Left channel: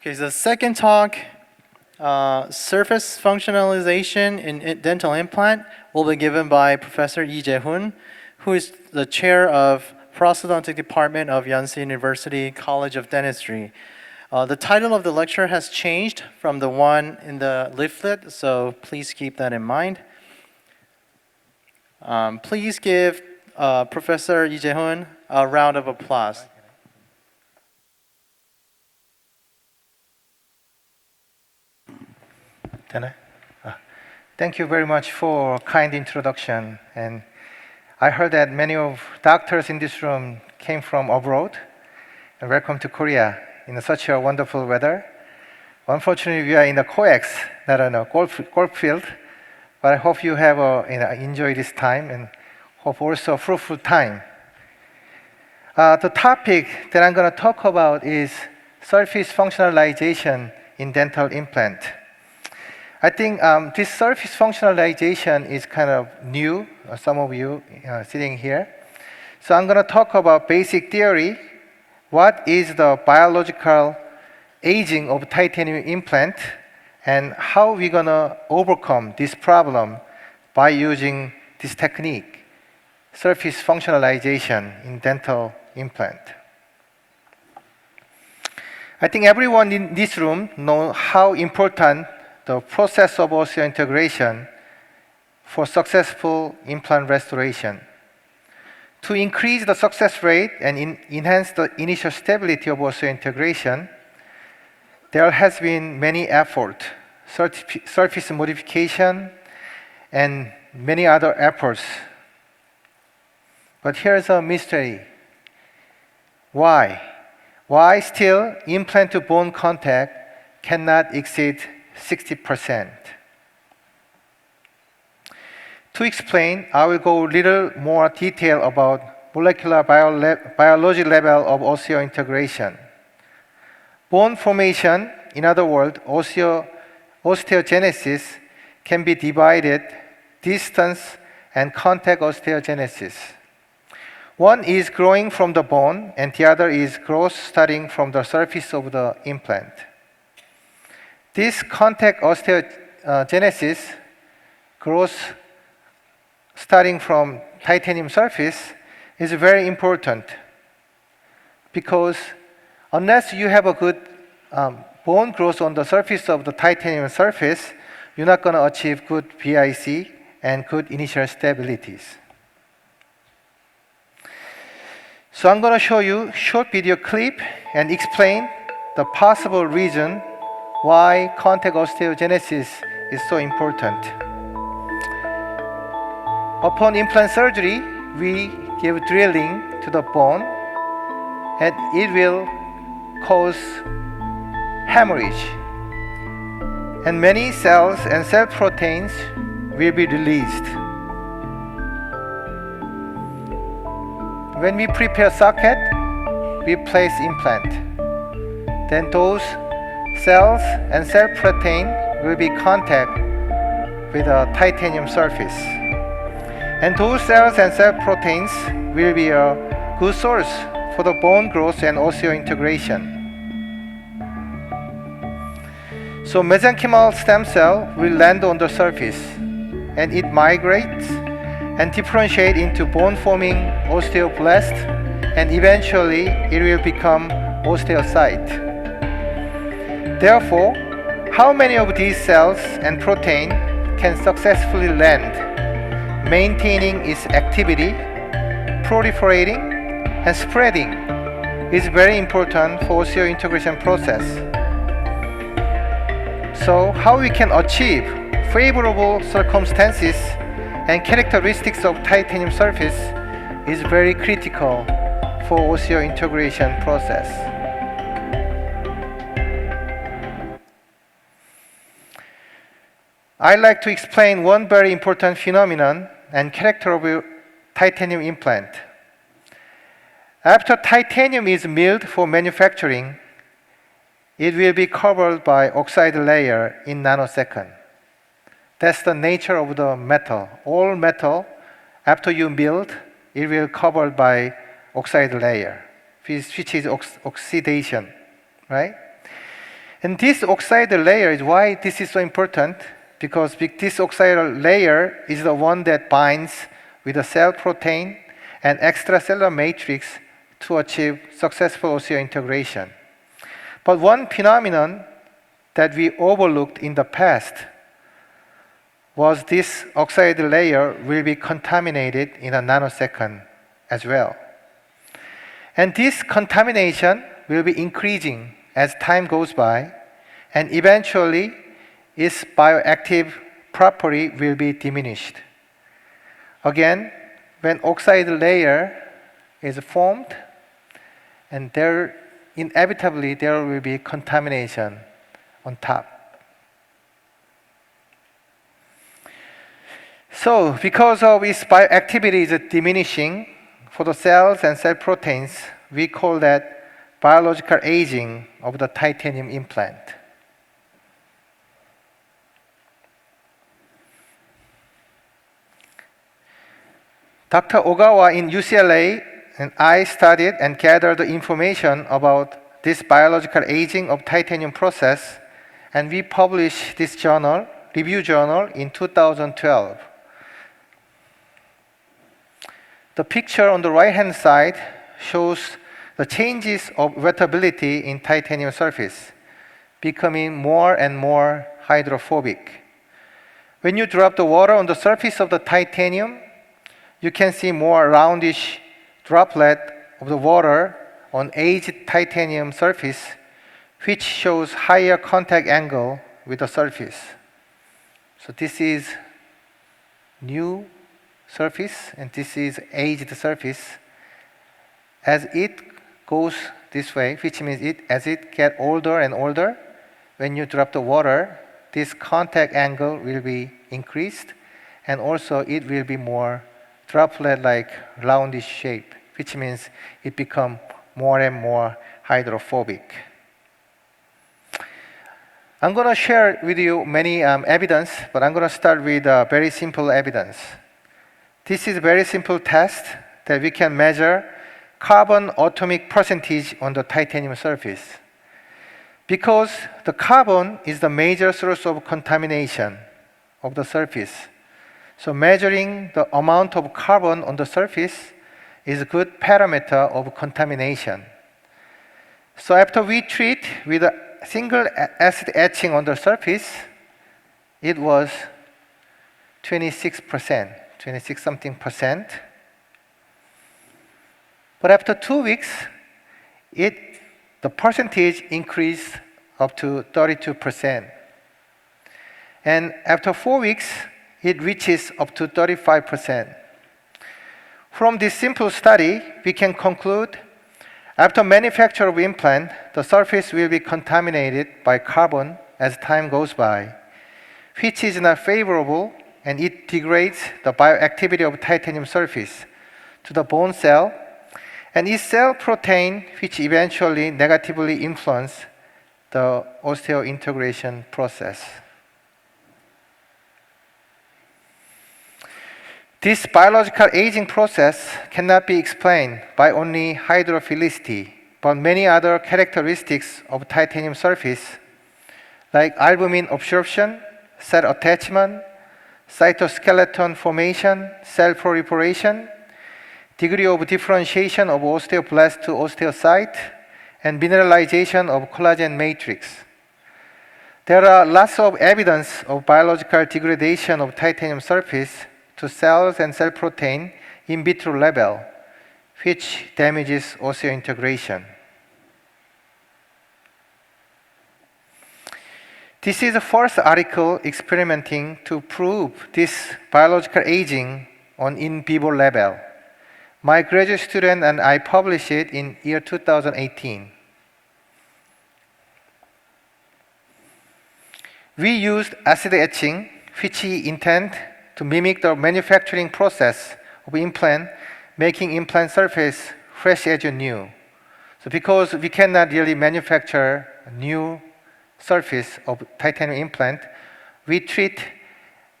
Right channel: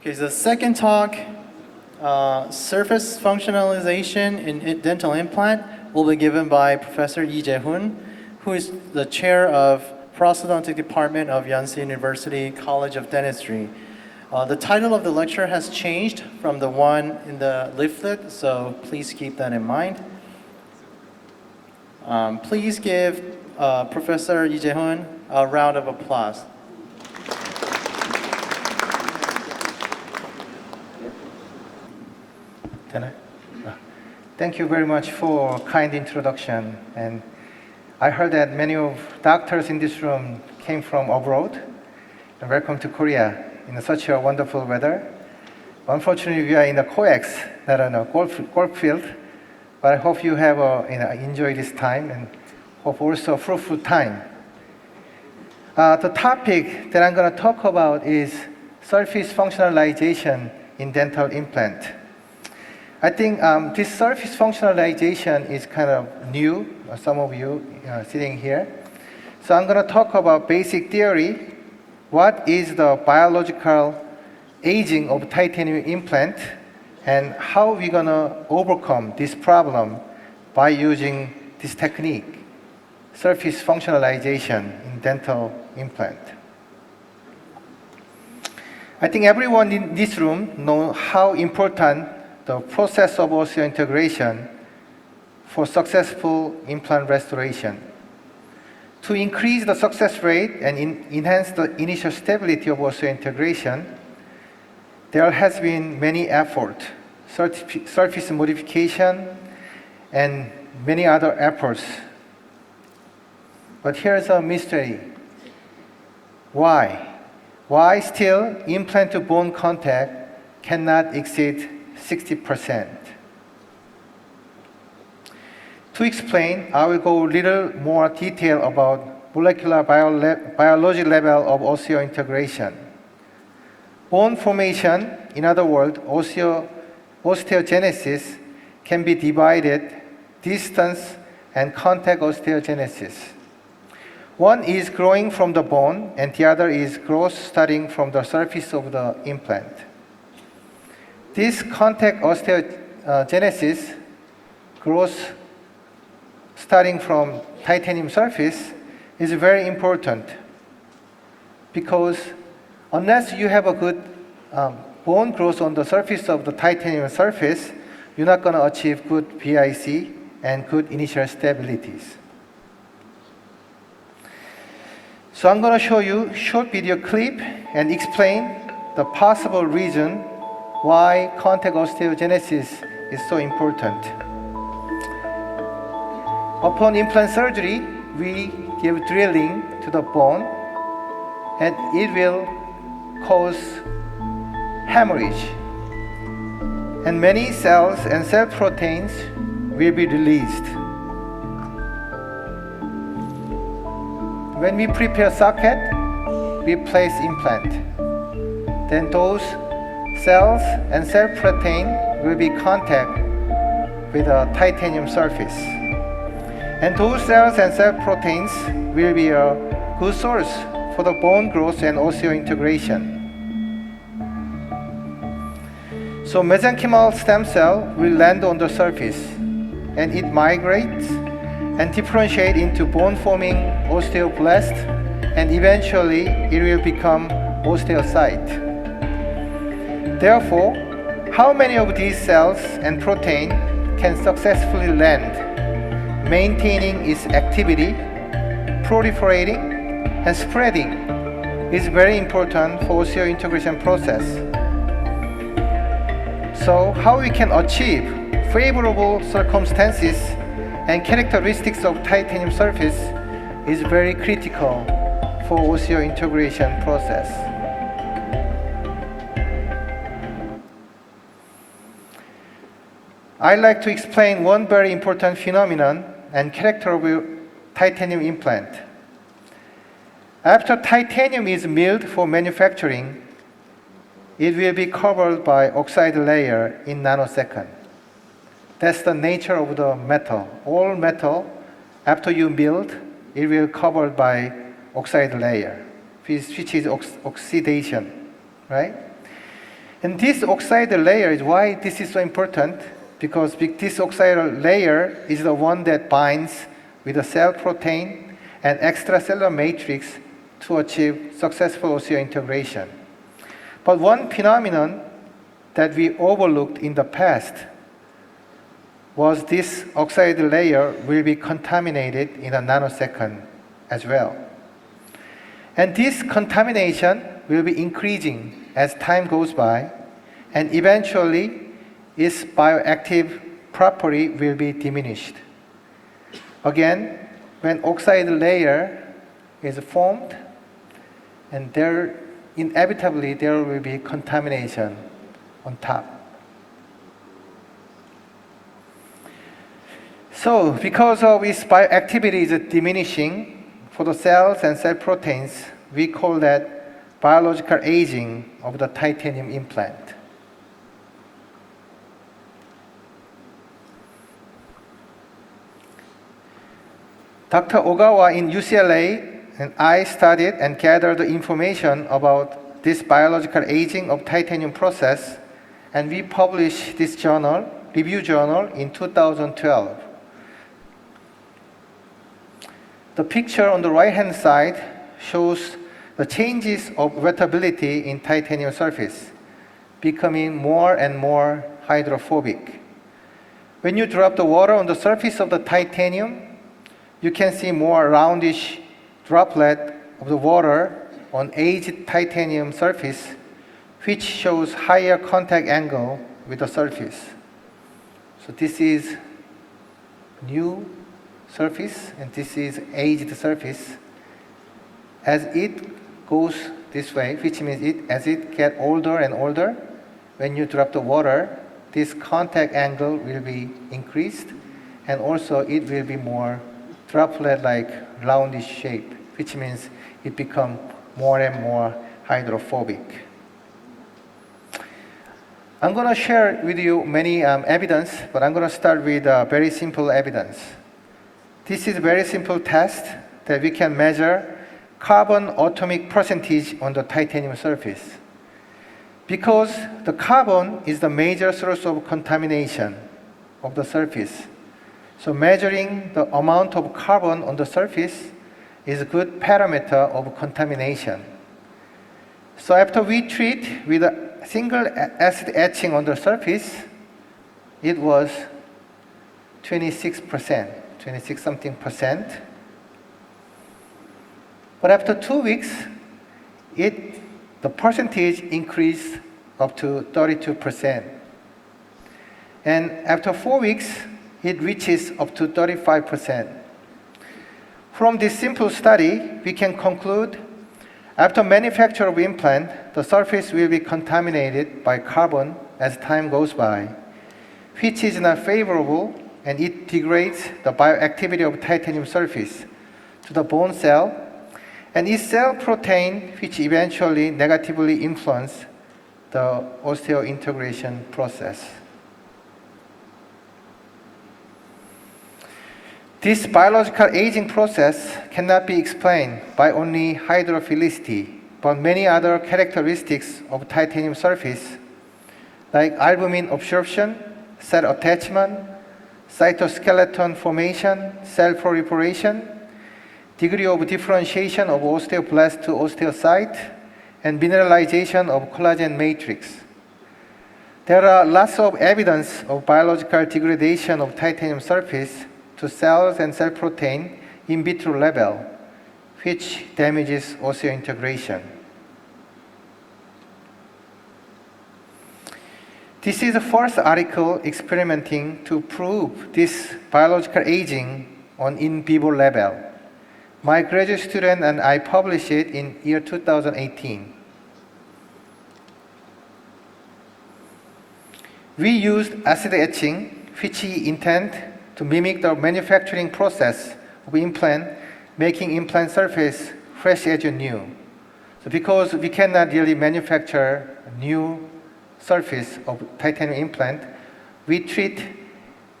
Okay, the second talk, surface functionalization in dental implant, will be given by Professor Jae Hoon, who is the chair of Prosthodontic Department of Yonsei University College of Dentistry. The title of the lecture has changed from the one in the leaflet, so please keep that in mind. Please give Professor Jae Hoon a round of applause. Thank you very much for a kind introduction. And I heard that many of doctors in this room came from abroad. And welcome to Korea in such a wonderful weather. Unfortunately, we are in a coex, not in a golf field. But I hope you have enjoy this time and hope also a fruitful time. The topic that I'm going to talk about is surface functionalization in dental implant. I think this surface functionalization is kind of new, some of you sitting here. So I'm going to talk about basic theory. What is the biological aging of titanium implant and how we're going to overcome this problem by using this technique, surface functionalization in dental implant. I think everyone in this room knows how important the process of osseointegration for successful implant restoration. To increase the success rate and enhance the initial stability of osseointegration, there has been many efforts, surface modification, and many other efforts. But here's a mystery. Why? Why still implant to bone contact cannot exceed 60%. To explain, I will go a little more detail about molecular biology level of osseointegration. Bone formation, in other words, osteogenesis, can be divided distance and contact osteogenesis. One is growing from the bone, and the other is growth starting from the surface of the implant. This contact osteogenesis, growth starting from titanium surface, is very important because unless you have a good bone growth on the surface of the titanium surface, you're not going to achieve good BIC and good initial stabilities. So I'm going to show you a short video clip and explain the possible reason why contact osteogenesis is so important. Upon implant surgery, we give drilling to the bone and it will cause hemorrhage. And many cells and cell proteins will be released. When we prepare socket, we place implant. Then those cells and cell protein will be contact with a titanium surface. And those cells and cell proteins will be a good source for the bone growth and osseointegration. So mesenchymal stem cell will land on the surface and it migrates and differentiate into bone-forming osteoblast and eventually it will become osteocyte. Therefore, how many of these cells and protein can successfully land, maintaining its activity, proliferating, and spreading is very important for osseointegration process. So, how we can achieve favorable circumstances and characteristics of titanium surface is very critical for osseointegration process. I'd like to explain one very important phenomenon and character of titanium implant. After titanium is milled for manufacturing, it will be covered by oxide layer in nanosecond. That's the nature of the metal. All metal, after you milled, it will covered by oxide layer, which is oxidation, right? And this oxide layer is why this is so important, because this oxide layer is the one that binds with the cell protein and extracellular matrix to achieve successful osseointegration. But one phenomenon that we overlooked in the past was this oxide layer will be contaminated in a nanosecond as well. And this contamination will be increasing as time goes by, and eventually its bioactive property will be diminished. Again, when oxide layer is formed, and inevitably there will be contamination on top. So, because of its bioactivity is diminishing for the cells and cell proteins, we call that biological aging of the titanium implant. Dr. Ogawa in UCLA and I studied and gathered the information about this biological aging of titanium process, and we published this journal, review journal, in 2012. The picture on the right-hand side shows the changes of wettability in titanium surface, becoming more and more hydrophobic. When you drop the water on the surface of the titanium, you can see more roundish droplet of the water on aged titanium surface, which shows higher contact angle with the surface. So this is new surface, and this is aged surface. As it goes this way, which means as it gets older and older, when you drop the water, this contact angle will be increased, and also it will be more droplet-like roundish shape, which means it becomes more and more hydrophobic. I'm going to share with you many evidence, but I'm going to start with very simple evidence. This is a very simple test that we can measure carbon atomic percentage on the titanium surface. Because the carbon is the major source of contamination of the surface. So measuring the amount of carbon on the surface is a good parameter of contamination. So after we treat with a single acid etching on the surface, it was 26%, 26 something percent. But after 2 weeks, the percentage increased up to 32%. And after 4 weeks, it reaches up to 35%. From this simple study, we can conclude after manufacture of implant, the surface will be contaminated by carbon as time goes by, which is not favorable, and it degrades the bioactivity of titanium surface to the bone cell and its cell protein, which eventually negatively influence the osseointegration process. This biological aging process cannot be explained by only hydrophilicity, but many other characteristics of titanium surface, like albumin absorption, cell attachment, cytoskeleton formation, cell proliferation, degree of differentiation of osteoblast to osteocyte, and mineralization of collagen matrix. There are lots of evidence of biological degradation of titanium surface to cells and cell protein in vitro level, which damages osseointegration. This is the first article experimenting to prove this biological aging on in vivo level. My graduate student and I published it in year 2018. We used acid etching, which we intend to mimic the manufacturing process of implant, making implant surface fresh as new. So because we cannot really manufacture a new surface of titanium implant, we treat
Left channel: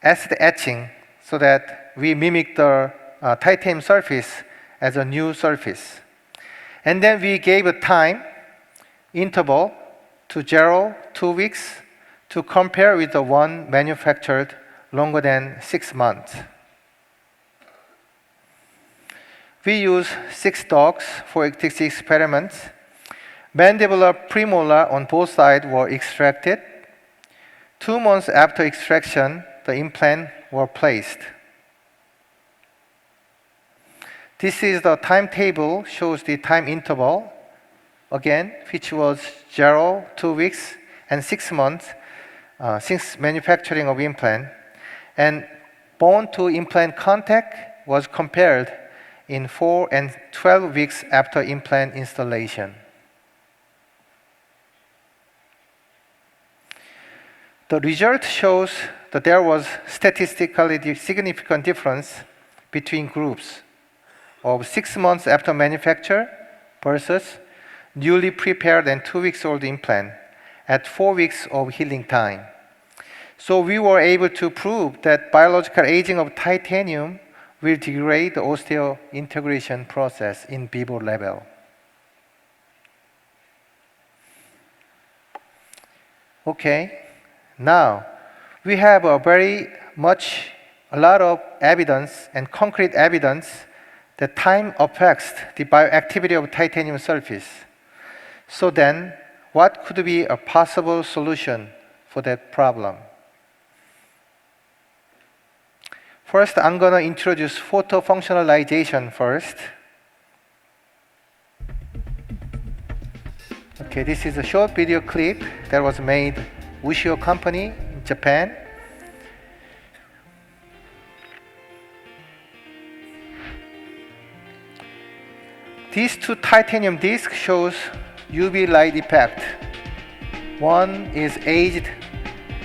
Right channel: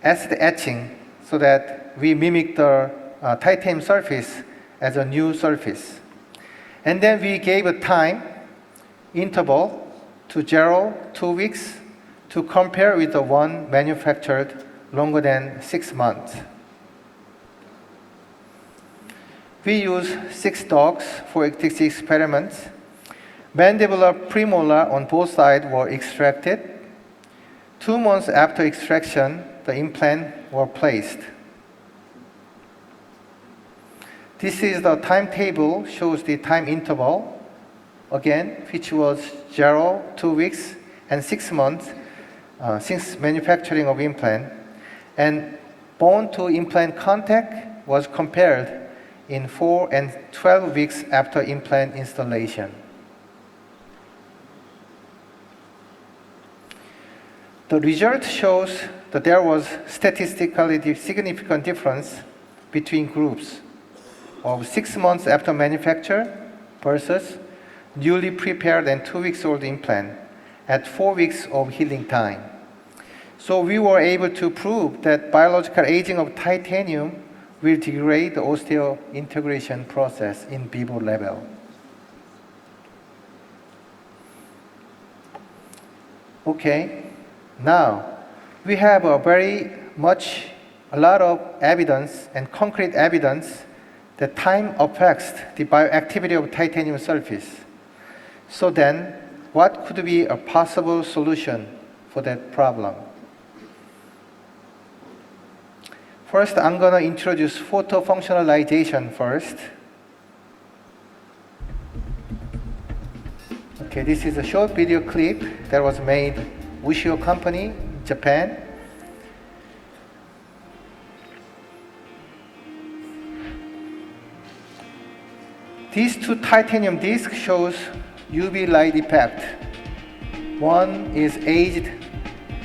acid etching so that we mimic the titanium surface as a new surface. And then we gave a time interval to 0, 2 weeks, to compare with the one manufactured longer than 6 months. We use 6 dogs for this experiment. Mandibular premolar on both sides were extracted. 2 months after extraction, the implant were placed. This is the timetable, shows the time interval, again, which was 0, 2 weeks, and 6 months since manufacturing of implant. And bone to implant contact was compared in 4 and 12 weeks after implant installation. The result shows that there was statistically significant difference between groups of 6 months after manufacture versus newly prepared and 2 weeks old implant at 4 weeks of healing time. So we were able to prove that biological aging of titanium will degrade the osseointegration process in vivo level. Okay, now we have a lot of evidence and concrete evidence that time affects the bioactivity of titanium surface. So then, what could be a possible solution for that problem? First, I'm going to introduce photofunctionalization first. Okay, this is a short video clip that was made Ushio company in Japan. These 2 titanium discs shows UV light effect. One is aged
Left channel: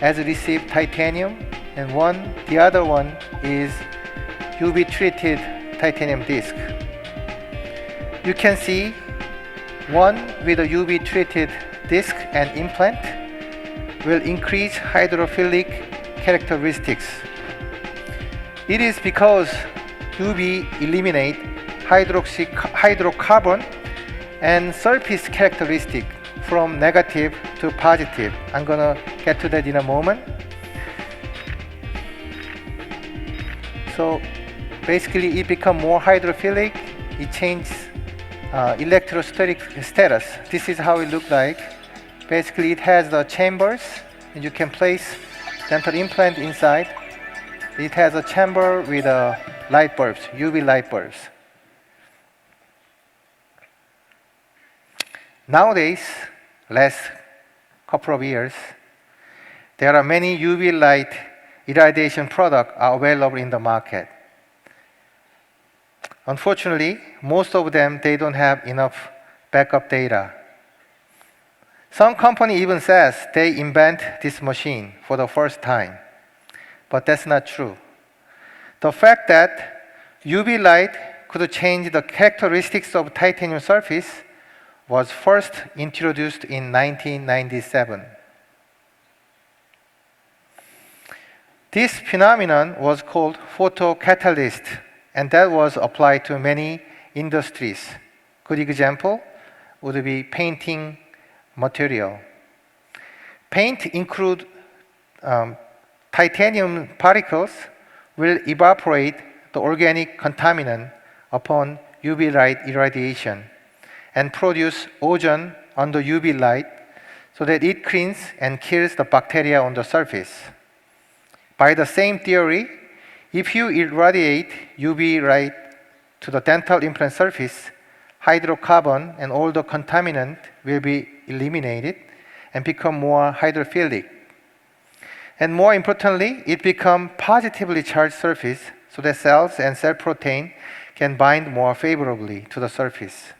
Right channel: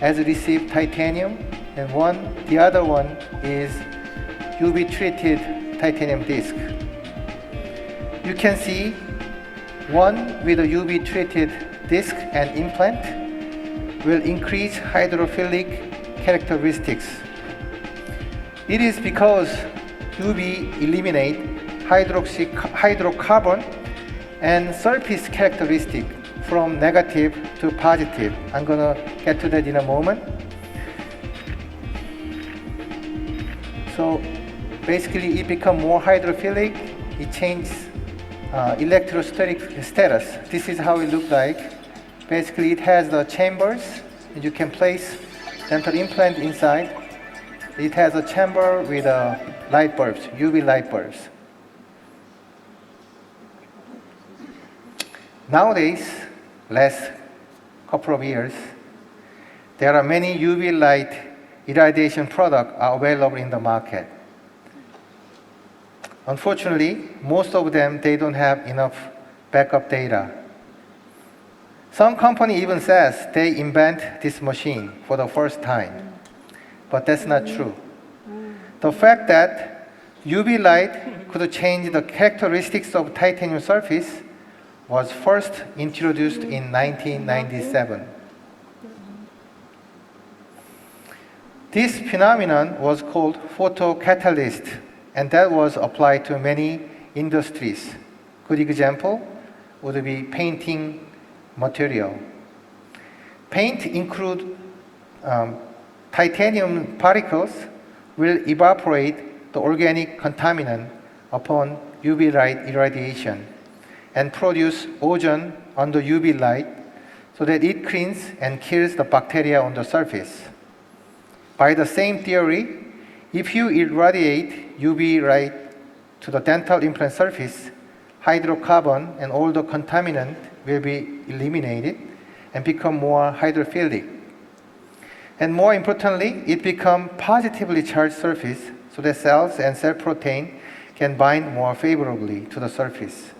as received titanium, and the other one is UV treated titanium disc. You can see one with a UV treated disc and implant will increase hydrophilic characteristics. It is because UV eliminate hydrocarbon and surface characteristic from negative to positive. I'm gonna get to that in a moment. So basically it becomes more hydrophilic, it changes electrostatic status. This is how it looks like. Basically it has the chambers, and you can place dental implant inside. It has a chamber with light bulbs, UV light bulbs. Nowadays, last couple of years, there are many UV light irradiation products are available in the market. Unfortunately, most of them, they don't have enough backup data. Some company even says they invent this machine for the first time, but that's not true. The fact that UV light could change the characteristics of titanium surface was first introduced in 1997. This phenomenon was called photocatalyst, and that was applied to many industries. Good example would be painting material. Paint include titanium particles will evaporate the organic contaminant upon UV light irradiation and produce ozone under UV light so that it cleans and kills the bacteria on the surface. By the same theory, if you irradiate UV light to the dental implant surface, hydrocarbon and all the contaminant will be eliminated and become more hydrophilic. And more importantly, it becomes positively charged surface so that cells and cell protein can bind more favorably to the surface,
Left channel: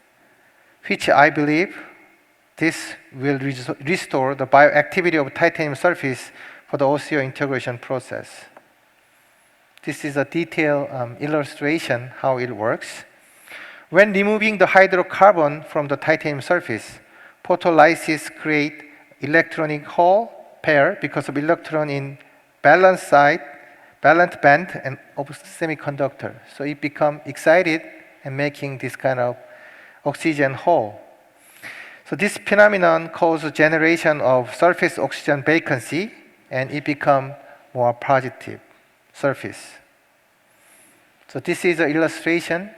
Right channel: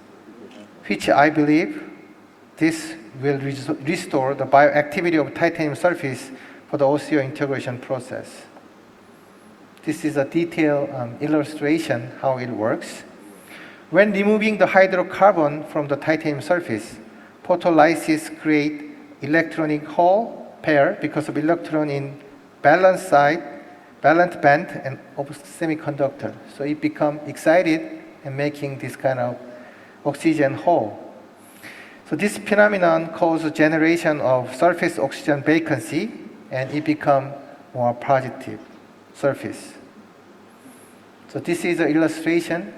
which I believe this will restore the bioactivity of titanium surface for the osseointegration process. This is a detailed illustration how it works. When removing the hydrocarbon from the titanium surface, photolysis create electronic hole pair because of electron in valence side, valence band, and of semiconductor. So it become excited and making this kind of oxygen hole. So So this phenomenon causes generation of surface oxygen vacancy, and it becomes more positive surface. So this is an illustration.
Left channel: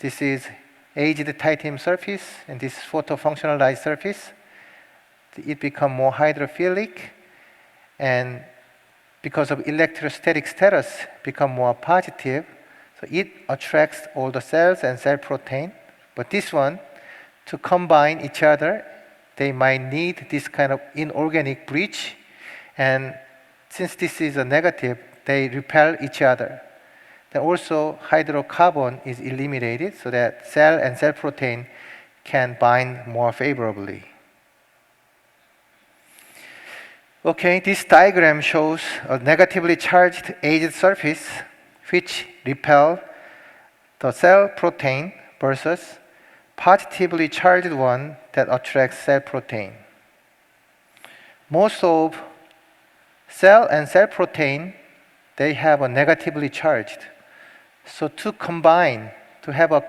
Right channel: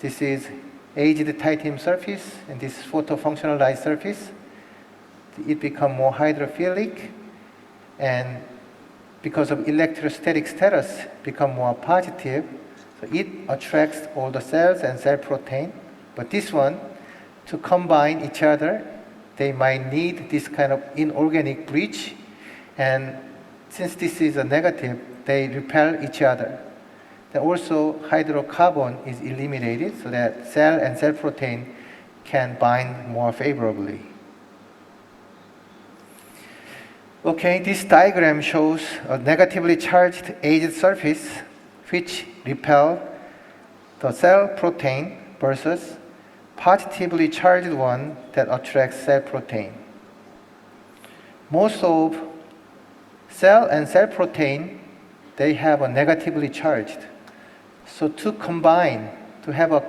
This is aged titanium surface, and this photo-functionalized surface. It becomes more hydrophilic, and because of electrostatic status, become more positive. So it attracts all the cells and cell protein. But this one, to combine each other, they might need this kind of inorganic bridge. And since this is a negative, they repel each other. Then also hydrocarbon is eliminated so that cell and cell protein can bind more favorably. Okay, this diagram shows a negatively charged aged surface which repel the cell protein versus positively charged one that attracts cell protein. Most of cell and cell protein, they have a negatively charged. So to combine, to have a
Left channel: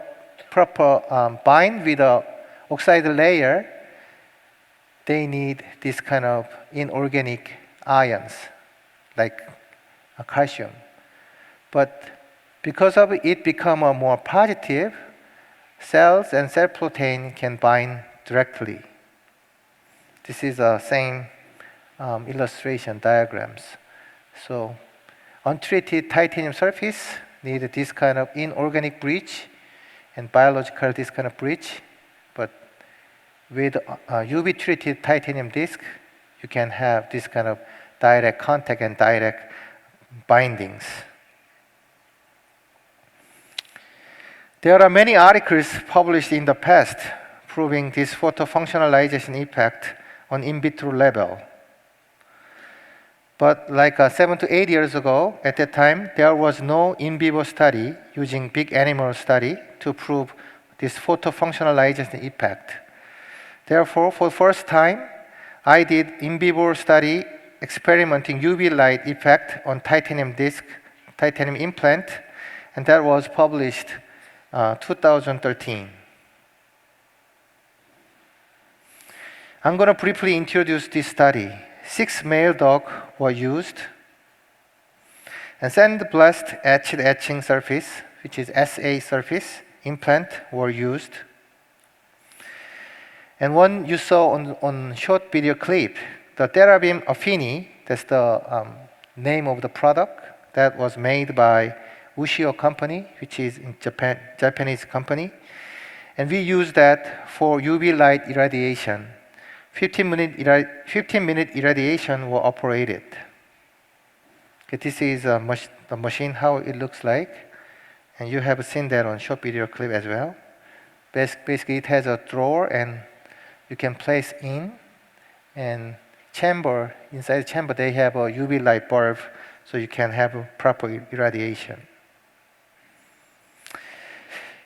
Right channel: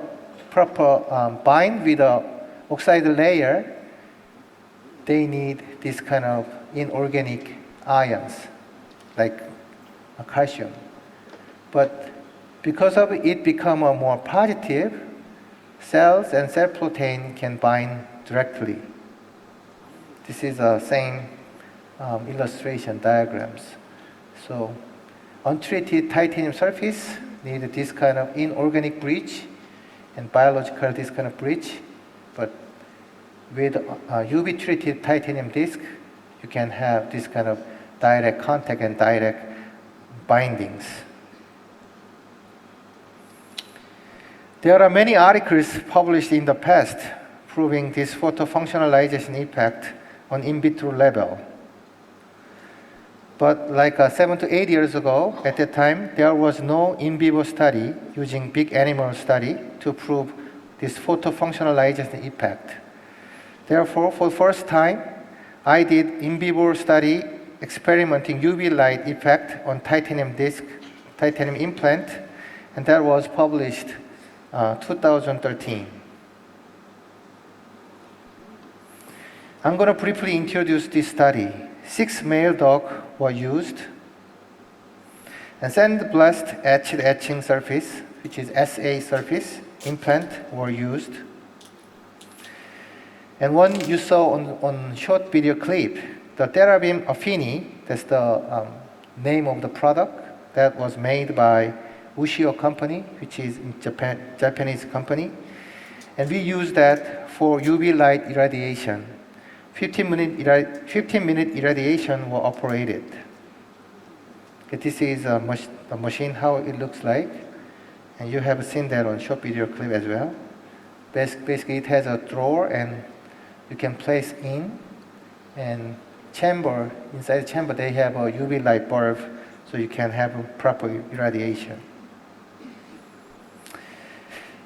proper bind with the oxide layer, they need this kind of inorganic ions, like calcium. But because of it become a more positive, cells and cell protein can bind directly. This is the same illustration diagrams. So untreated titanium surface need this kind of inorganic bridge, and biological this kind of bridge. But with UV treated titanium disc, you can have this kind of direct contact and direct bindings. There are many articles published in the past proving this photofunctionalization impact on in vitro level. But like 7 to 8 years ago, at that time, there was no in vivo study using big animal study to prove this photofunctionalization impact. Therefore, for the first time, I did in vivo study experimenting UV light effect on titanium disc, titanium implant, and that was published 2013. I'm going to briefly introduce this study. 6 male dogs were used, and sandblast acid etching surface, which is SA surface, implant were used. And one you saw on short video clip, the Therabim Affini, that's the name of the product that was made by Ushio company, which is in Japanese company. And we use that for UV light irradiation. 15-minute irradiation were operated. Okay, this is a machine, how it looks like. And you have seen that on short video clip as well. Basically, it has a drawer, and you can place in, and chamber, inside the chamber they have a UV light bulb, so you can have a proper irradiation.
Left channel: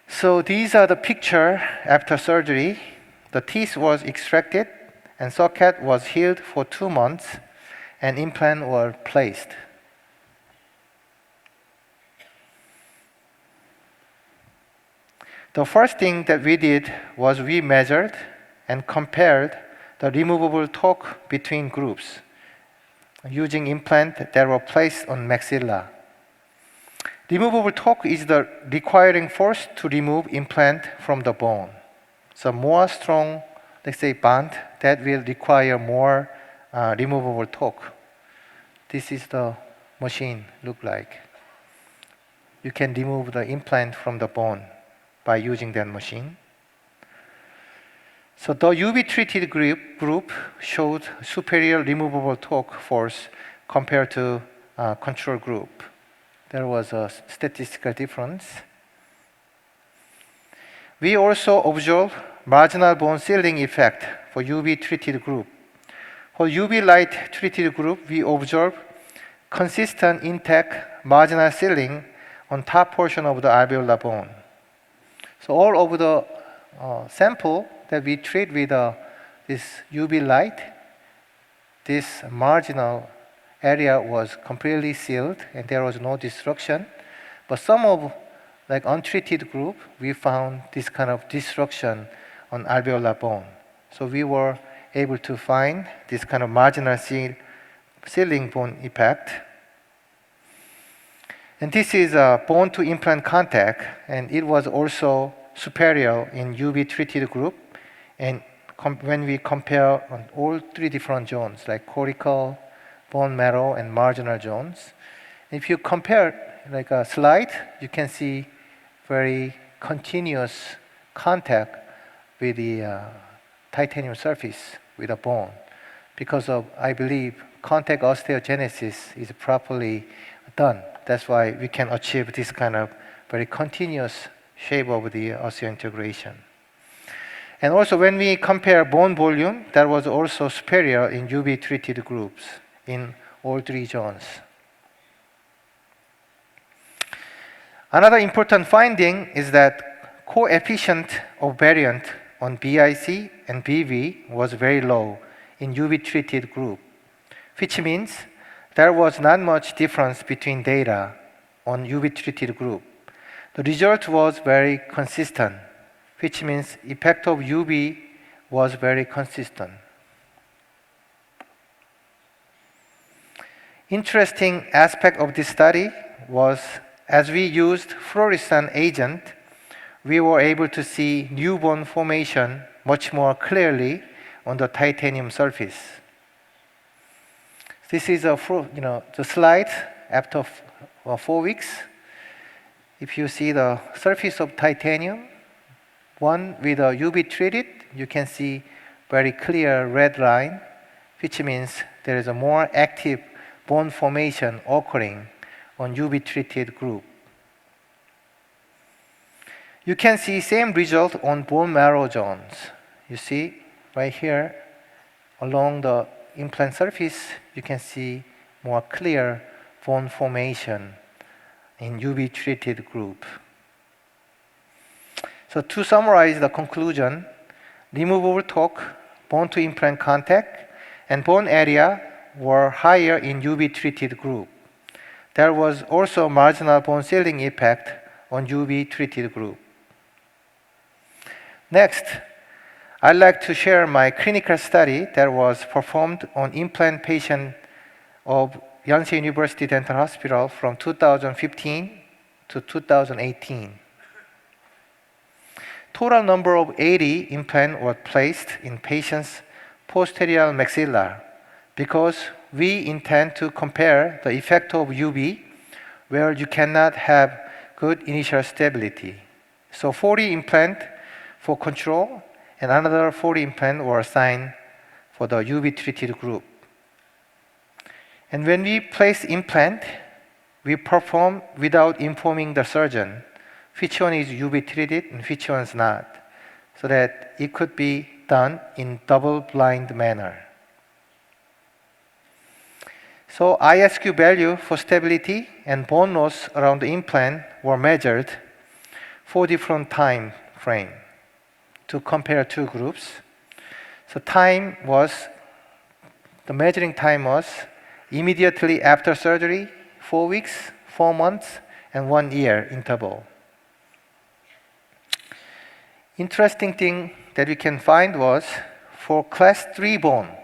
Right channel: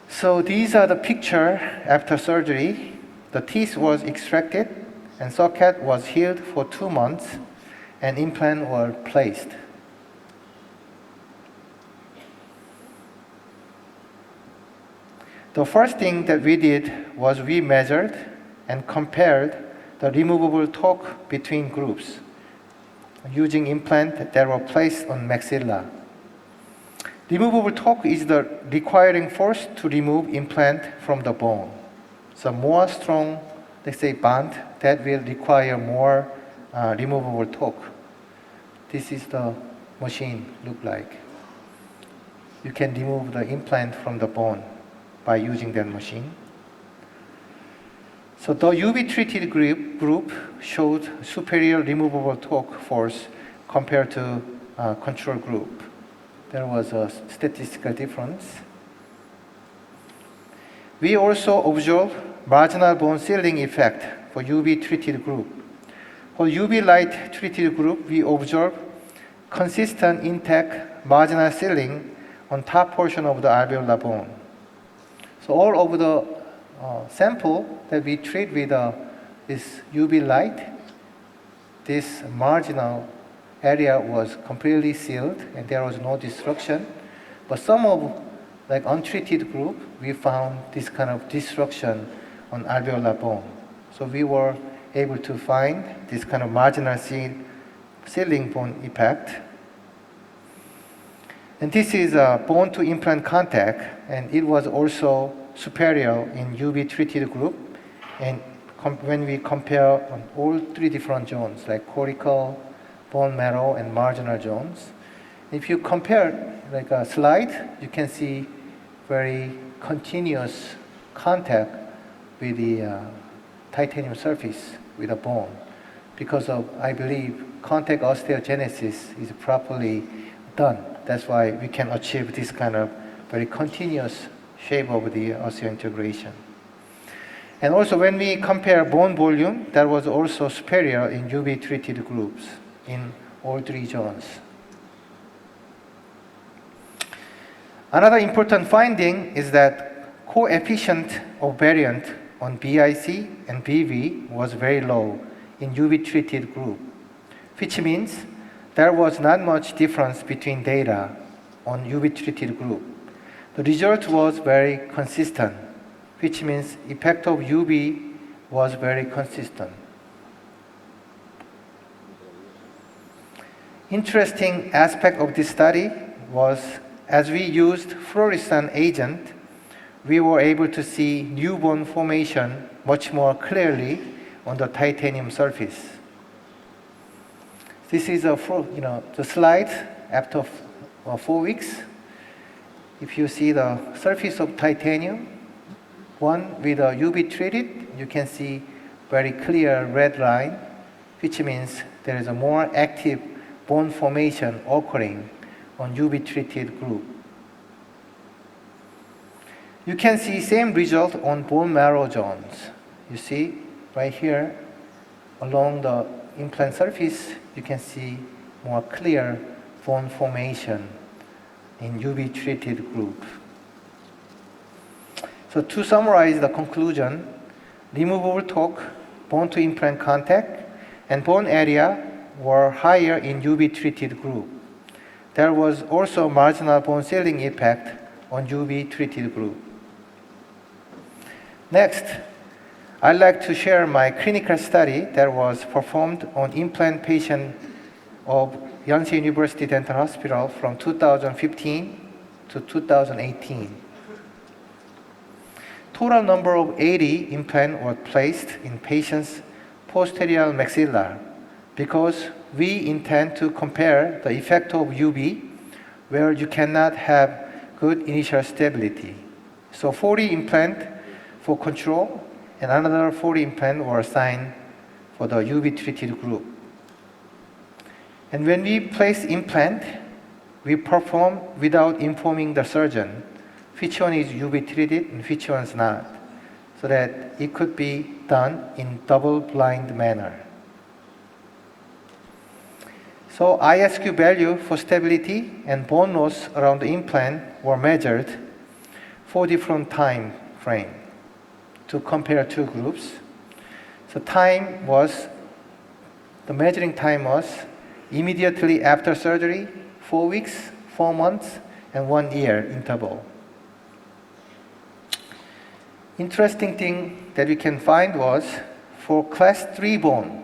So these are the picture after surgery. The teeth was extracted, and socket was healed for 2 months, and implant were placed. The first thing that we did was we measured and compared the removable torque between groups using implant that were placed on maxilla. Removable torque is the requiring force to remove implant from the bone. So more strong, let's say, bond, that will require more removable torque. This is the machine look like. You can remove the implant from the bone by using that machine. So the UV treated group showed superior removable torque force compared to control group. There was a statistical difference. We also observed marginal bone sealing effect for UV treated group. For UV light treated group, we observed consistent intact marginal sealing on top portion of the alveolar bone. So all over the sample that we treat with this UV light, this marginal area was completely sealed and there was no destruction. But some of like untreated group, we found this kind of destruction on alveolar bone. So we were able to find this kind of marginal ceiling bone effect. And this is a bone to implant contact, and it was also superior in UV treated group. And when we compare on all three different zones, like cortical, bone marrow, and marginal zones, if you compare like a slide, you can see very continuous contact with the titanium surface with a bone. Because of, I believe, contact osteogenesis is properly done. That's why we can achieve this kind of very continuous shape of the osseointegration. And also when we compare bone volume, that was also superior in UV treated groups in all three zones. Another important finding is that coefficient of variant on BIC and BV was very low in UV treated group, which means there was not much difference between data on UV treated group. The result was very consistent, which means effect of UV was very consistent. Interesting aspect of this study was as we used fluorescent agent, we were able to see new bone formation much more clearly on the titanium surface. This is the slide after 4 weeks. If you see the surface of titanium, one with a UV treated, you can see very clear red line, which means there is a more active bone formation occurring on UV treated group. You can see same result on bone marrow zones. You see right here along the implant surface, you can see more clear bone formation in UV treated group. So to summarize the conclusion, removable torque, bone to implant contact, and bone area were higher in UV treated group. There was also marginal bone ceiling effect on UV treated group. Next, I'd like to share my clinical study that was performed on implant patient of Yonsei University Dental Hospital from 2015 to 2018. Total number of 80 implants were placed in patients' posterior maxilla because we intend to compare the effect of UV where you cannot have good initial stability. So 40 implants for control and another 40 implants were assigned for the UV treated group. And when we place implant, we perform without informing the surgeon which one is UV treated and which one is not, so that it could be done in double-blind manner. So ISQ value for stability and bone loss around the implant were measured for different time frame to compare two groups. So the measuring time was immediately after surgery, 4 weeks, 4 months, and 1 year interval. Interesting thing that we can find was for class 3 bone,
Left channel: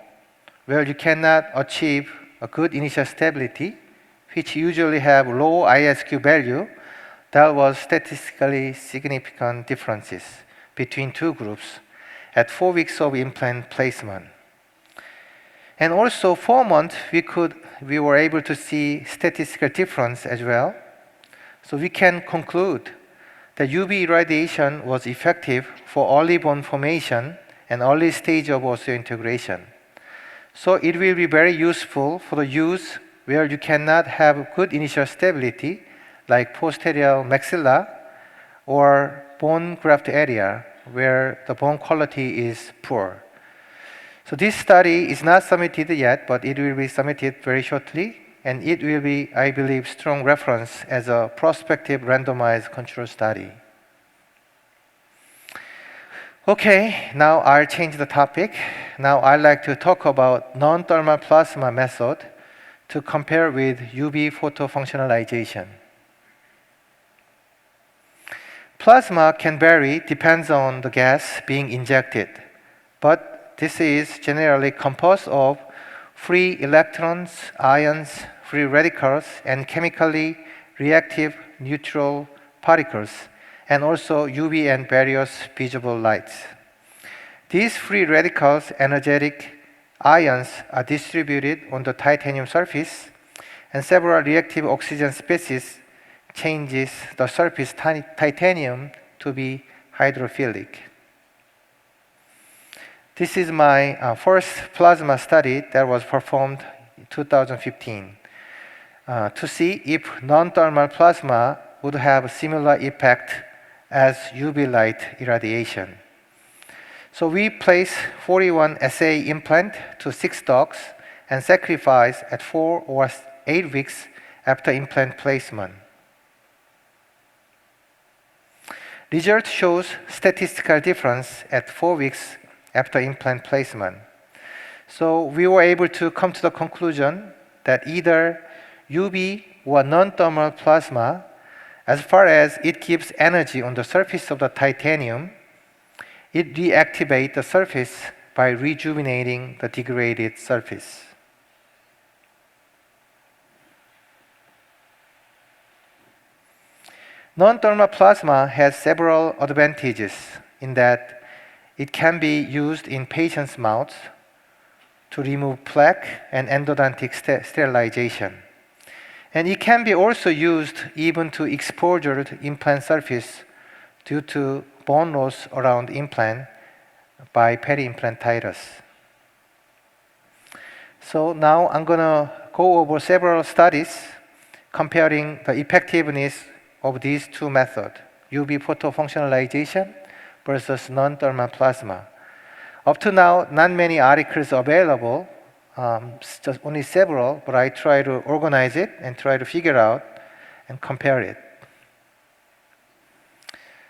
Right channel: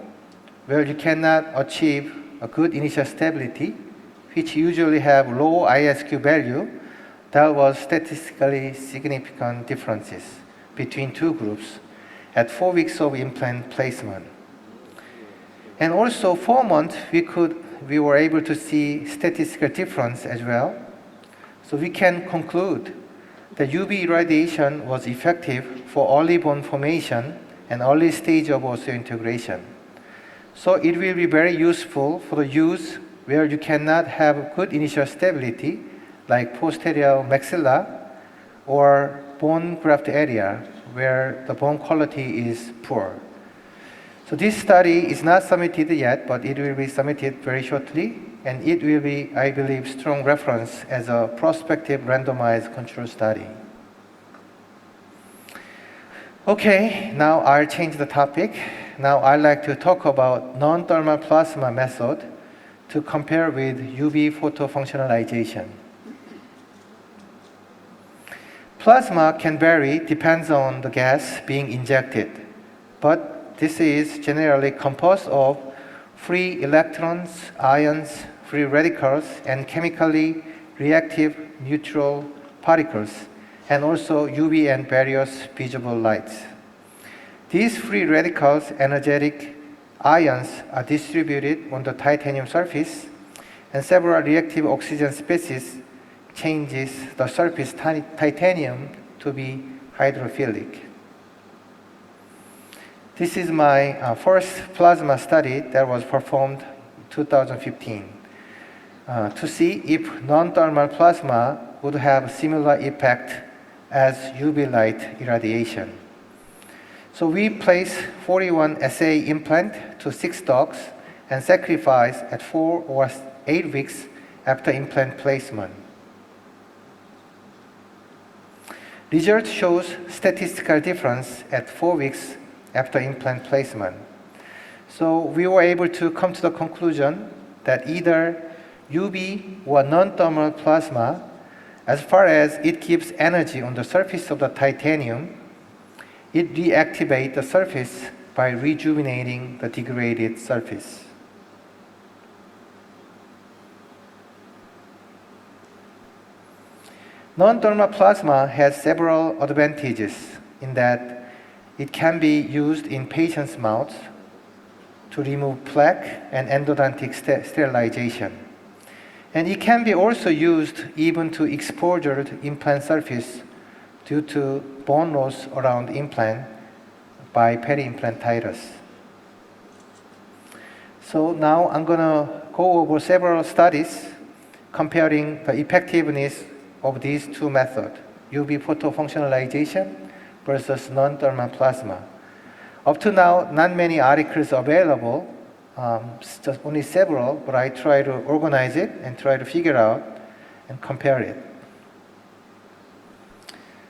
where you cannot achieve a good initial stability, which usually have low ISQ value, there was statistically significant differences between two groups at 4 weeks of implant placement. And also 4 months, we were able to see statistical difference as well. So we can conclude that UV irradiation was effective for early bone formation and early stage of osseointegration. So it will be very useful for the use where you cannot have good initial stability, like posterior maxilla or bone graft area, where the bone quality is poor. So this study is not submitted yet, but it will be submitted very shortly, and it will be, I believe, strong reference as a prospective randomized control study. Okay, now I'll change the topic. Now I'd like to talk about non-thermal plasma method to compare with UV photofunctionalization. Plasma can vary, depends on the gas being injected, but this is generally composed of free electrons, ions, free radicals, and chemically reactive neutral particles, and also UV and various visible lights. These free radicals, energetic ions, are distributed on the titanium surface, and several reactive oxygen species changes the surface titanium to be hydrophilic. This is my first plasma study that was performed in 2015 to see if non-thermal plasma would have a similar effect as UV light irradiation. So we placed 41 SA implant to 6 dogs and sacrifice at 4 or 8 weeks after implant placement. Result shows statistical difference at 4 weeks after implant placement. So we were able to come to the conclusion that either UV or non-thermal plasma, as far as it gives energy on the surface of the titanium, it reactivates the surface by rejuvenating the degraded surface. Non-thermal plasma has several advantages in that it can be used in patients' mouths to remove plaque and endodontic sterilization. And it can be also used even to exposure implant surface due to bone loss around implant by peri-implantitis. So now I'm going to go over several studies comparing the effectiveness of these two methods, UV photofunctionalization versus non-thermal plasma. Up to now, not many articles available, just only several, but I try to organize it and try to figure out and compare it.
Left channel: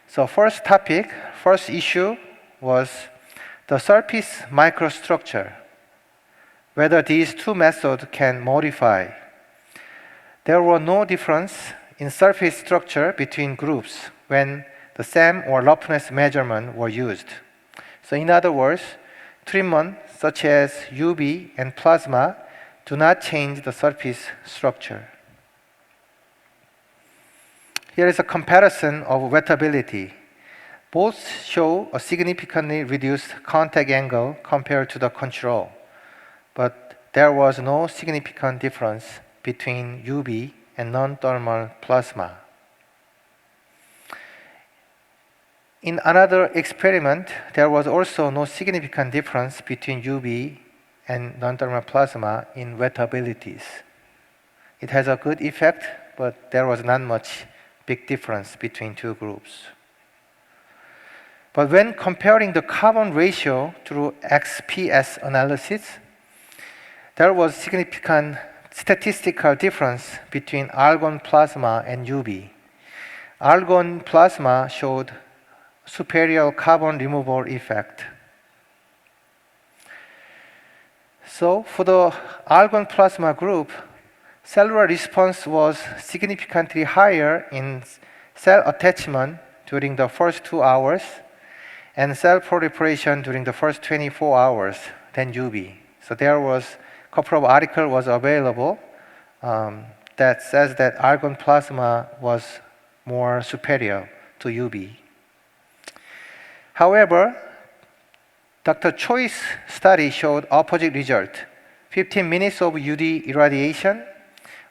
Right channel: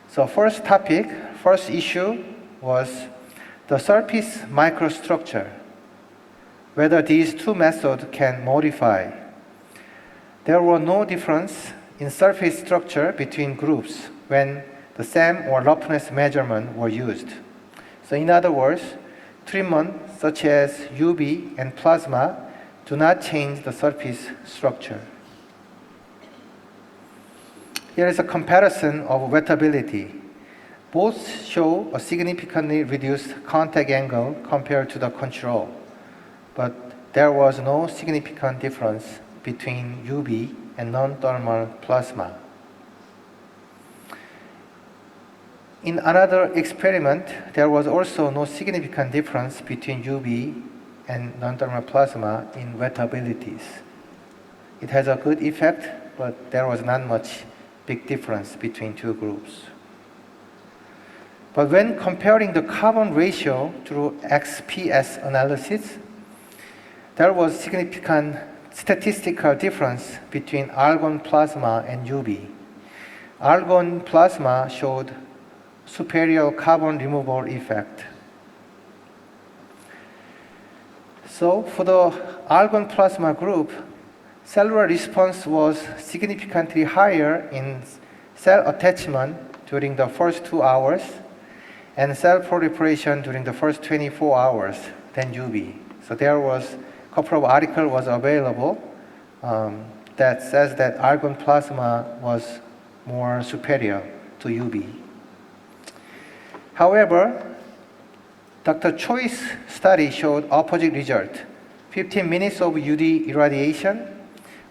So first issue was the surface microstructure, whether these two methods can modify. There were no difference in surface structure between groups when the SAM or roughness measurement were used. So in other words, treatment such as UV and plasma do not change the surface structure. Here is a comparison of wettability. Both show a significantly reduced contact angle compared to the control, but there was no significant difference between UV and non-thermal plasma. In another experiment, there was also no significant difference between UV and non-thermal plasma in wettabilities. It has a good effect, but there was not much big difference between two groups. But when comparing the carbon ratio through XPS analysis, there was significant statistical difference between argon plasma and UV. Argon plasma showed superior carbon removal effect. So for the argon plasma group, cellular response was significantly higher in cell attachment during the first 2 hours and cell proliferation during the first 24 hours than UV. So there was a couple of articles was available that says that argon plasma was more superior to UV. However, Dr. Choi's study showed opposite result. 15 minutes of UV irradiation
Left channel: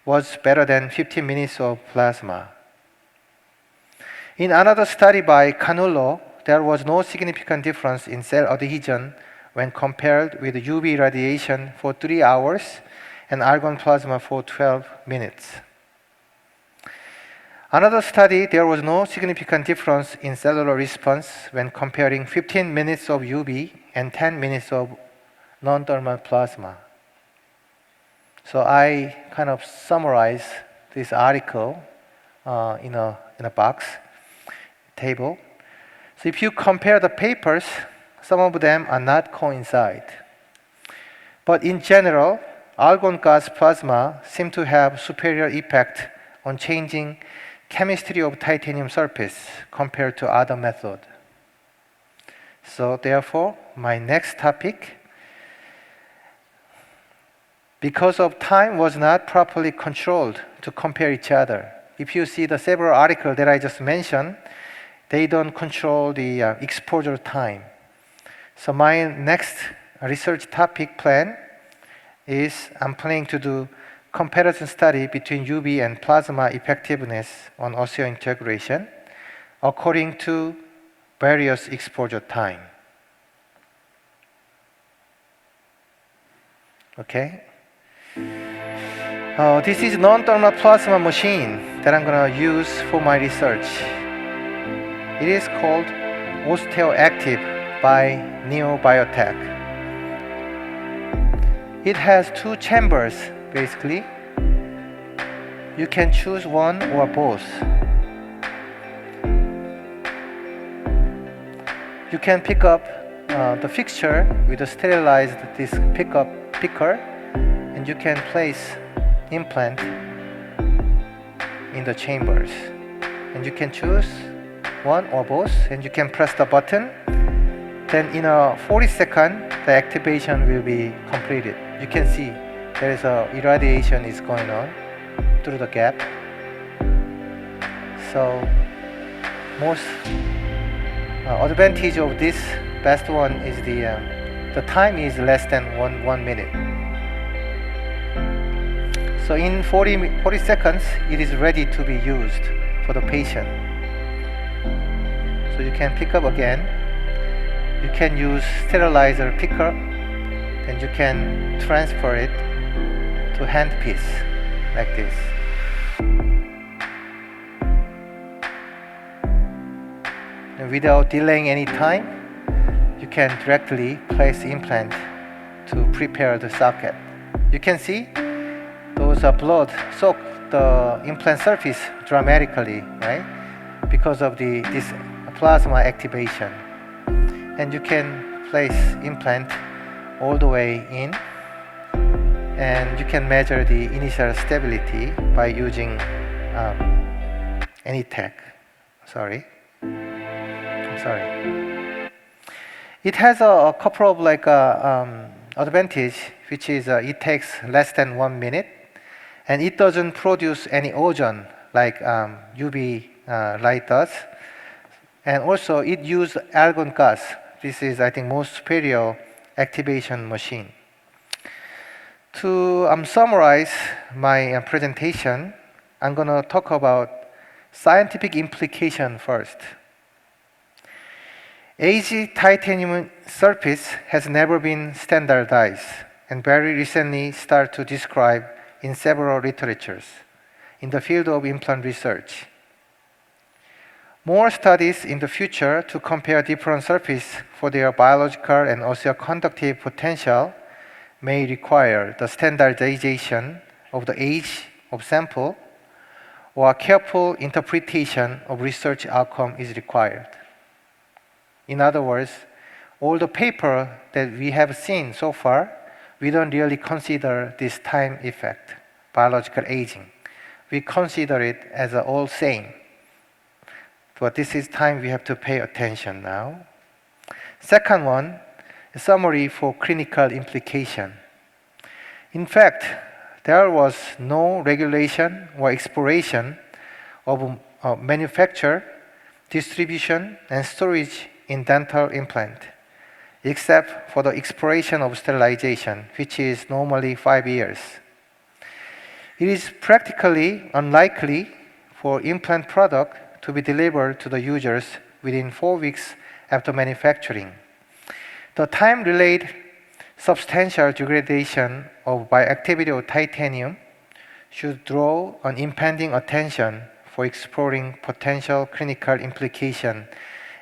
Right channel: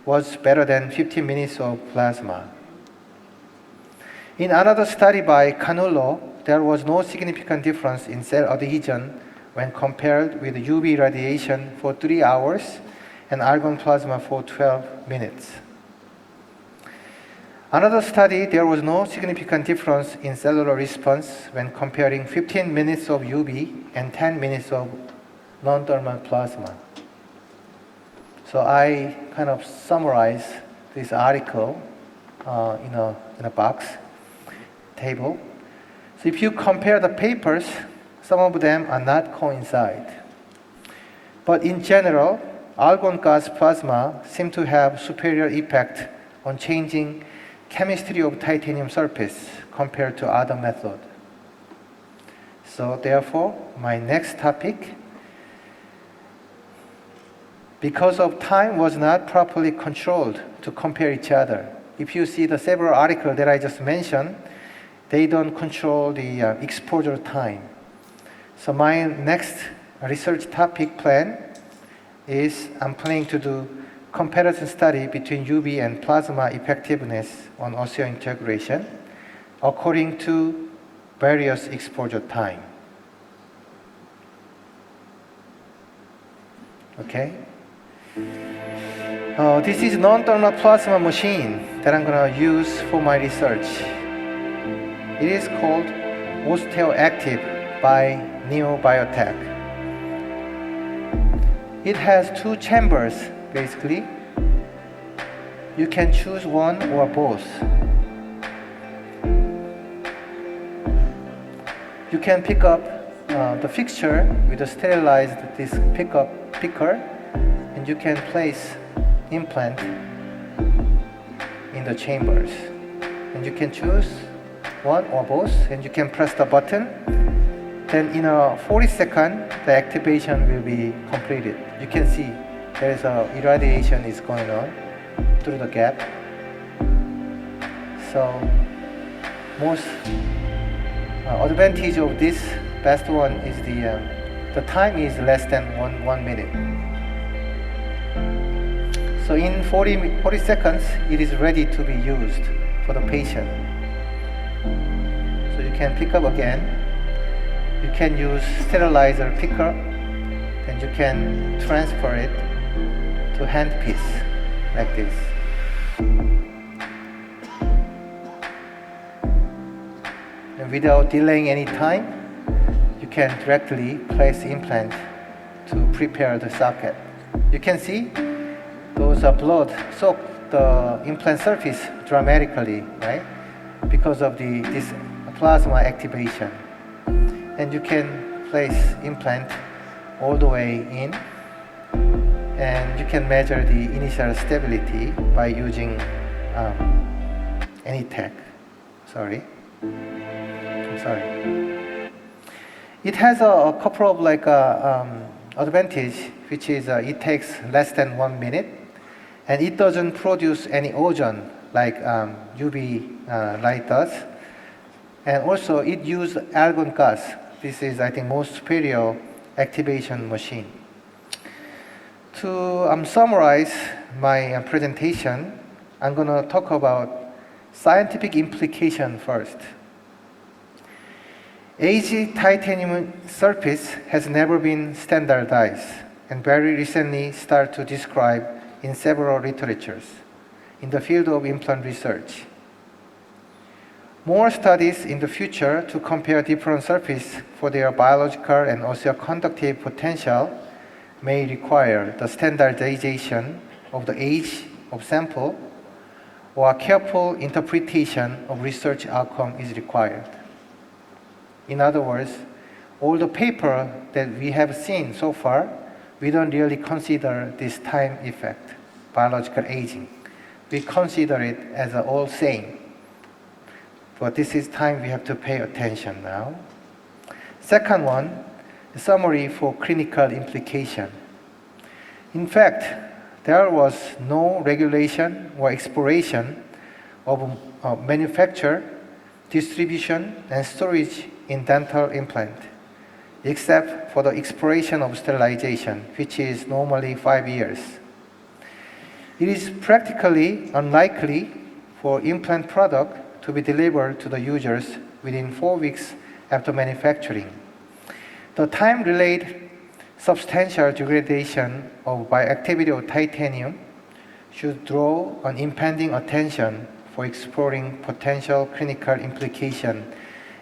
was better than 15 minutes of plasma. In another study by Canullo, there was no significant difference in cell adhesion when compared with UV radiation for 3 hours and argon plasma for 12 minutes. Another study, there was no significant difference in cellular response when comparing 15 minutes of UV and 10 minutes of non-thermal plasma. So I kind of summarize this article in a box table. So if you compare the papers, some of them are not coincide. But in general, argon gas plasma seem to have superior effect on changing chemistry of titanium surface compared to other method. So therefore, my next topic, because of time was not properly controlled to compare each other. If you see the several articles that I just mentioned, they don't control the exposure time. So my next research topic plan is I'm planning to do comparison study between UV and plasma effectiveness on osseointegration according to various exposure time. Okay? This is non-thermal plasma machine that I'm going to use for my research. It is called OsteoActive by NeoBiotech. It has two chambers, basically. You can choose one or both. You can pick up the fixture with a sterilized this picker, and you can place implant in the chambers. And you can choose one or both, and you can press the button. Then in a 40 seconds, the activation will be completed. You can see there is a irradiation is going on through the gap. So most advantage of this best one is the time is less than one minute. So in 40 seconds, it is ready to be used for the patient. So you can pick up again. You can use sterilizer picker, and you can transfer it to handpiece like this. And without delaying any time, you can directly place the implant to prepare the socket. You can see those blood soak the implant surface dramatically, right? Because of this plasma activation. And you can place implant all the way in, and you can measure the initial stability by using any tech. I'm sorry. It has a couple of advantage, which is it takes less than 1 minute, and it doesn't produce any ozone like UV light does. And also it uses argon gas. This is, I think, most superior activation machine. To summarize my presentation, I'm going to talk about scientific implication first. Aged titanium surface has never been standardized and very recently started to describe in several literatures in the field of implant research. More studies in the future to compare different surfaces for their biological and osteoconductive potential may require the standardization of the age of sample, or careful interpretation of research outcome is required. In other words, all the paper that we have seen so far, we don't really consider this time effect, biological aging. We consider it as all same. But this is time we have to pay attention now. Second one, a summary for clinical implication. In fact, there was no regulation or exploration of manufacture, distribution, and storage in dental implant, except for the expiration of sterilization, which is normally 5 years. It is practically unlikely for implant product to be delivered to the users within 4 weeks after manufacturing. The time-related substantial degradation of bioactivity of titanium should draw an impending attention for exploring potential clinical implication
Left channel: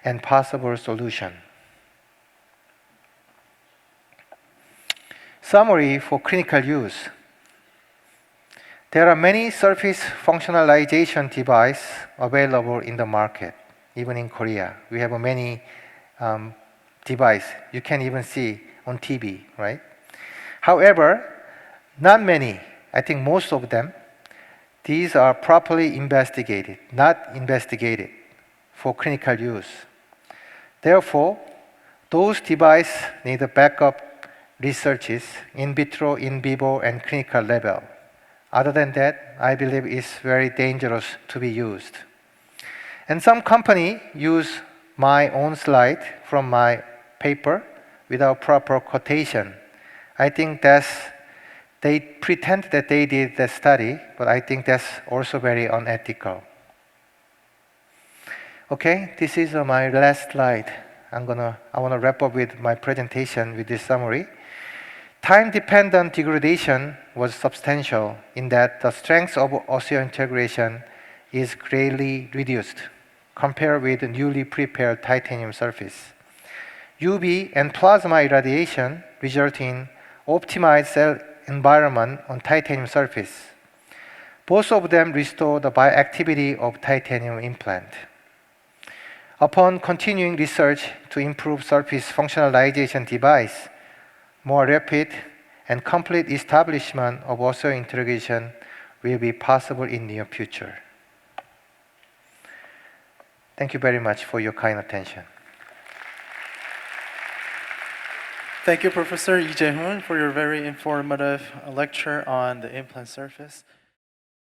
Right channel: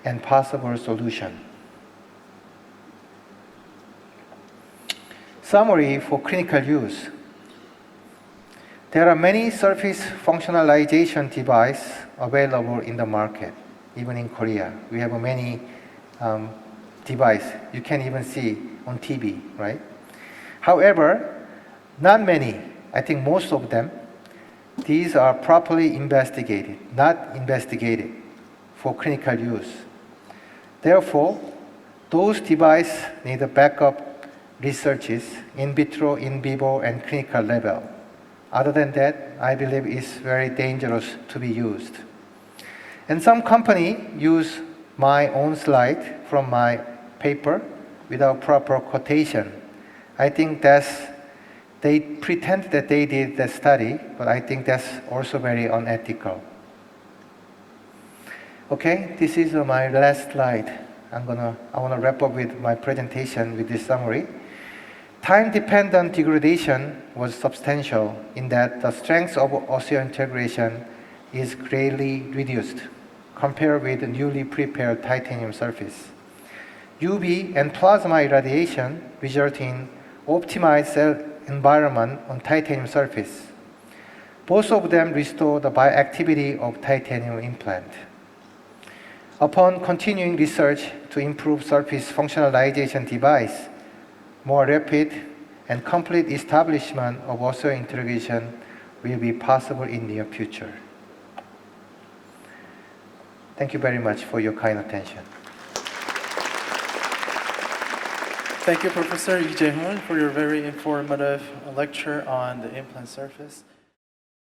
and possible solution. Summary for clinical use. There are many surface functionalization devices available in the market, even in Korea. We have many devices you can even see on TV, right? However, not many, I think most of them, these are properly investigated, not investigated for clinical use. Therefore, those devices need backup researches in vitro, in vivo, and clinical level. Other than that, I believe it's very dangerous to be used. And some company use my own slide from my paper without proper quotation. I think they pretend that they did the study, but I think that's also very unethical. Okay, this is my last slide. I want to wrap up with my presentation with this summary. Time-dependent degradation was substantial in that the strength of osseointegration is greatly reduced compared with the newly prepared titanium surface. UV and plasma irradiation result in optimized cell environment on titanium surface. Both of them restore the bioactivity of titanium implant. Upon continuing research to improve surface functionalization device, more rapid and complete establishment of osseointegration will be possible in near future. Thank you very much for your kind attention. Thank you, Professor Jae Hoon, for your very informative lecture on the implant surface.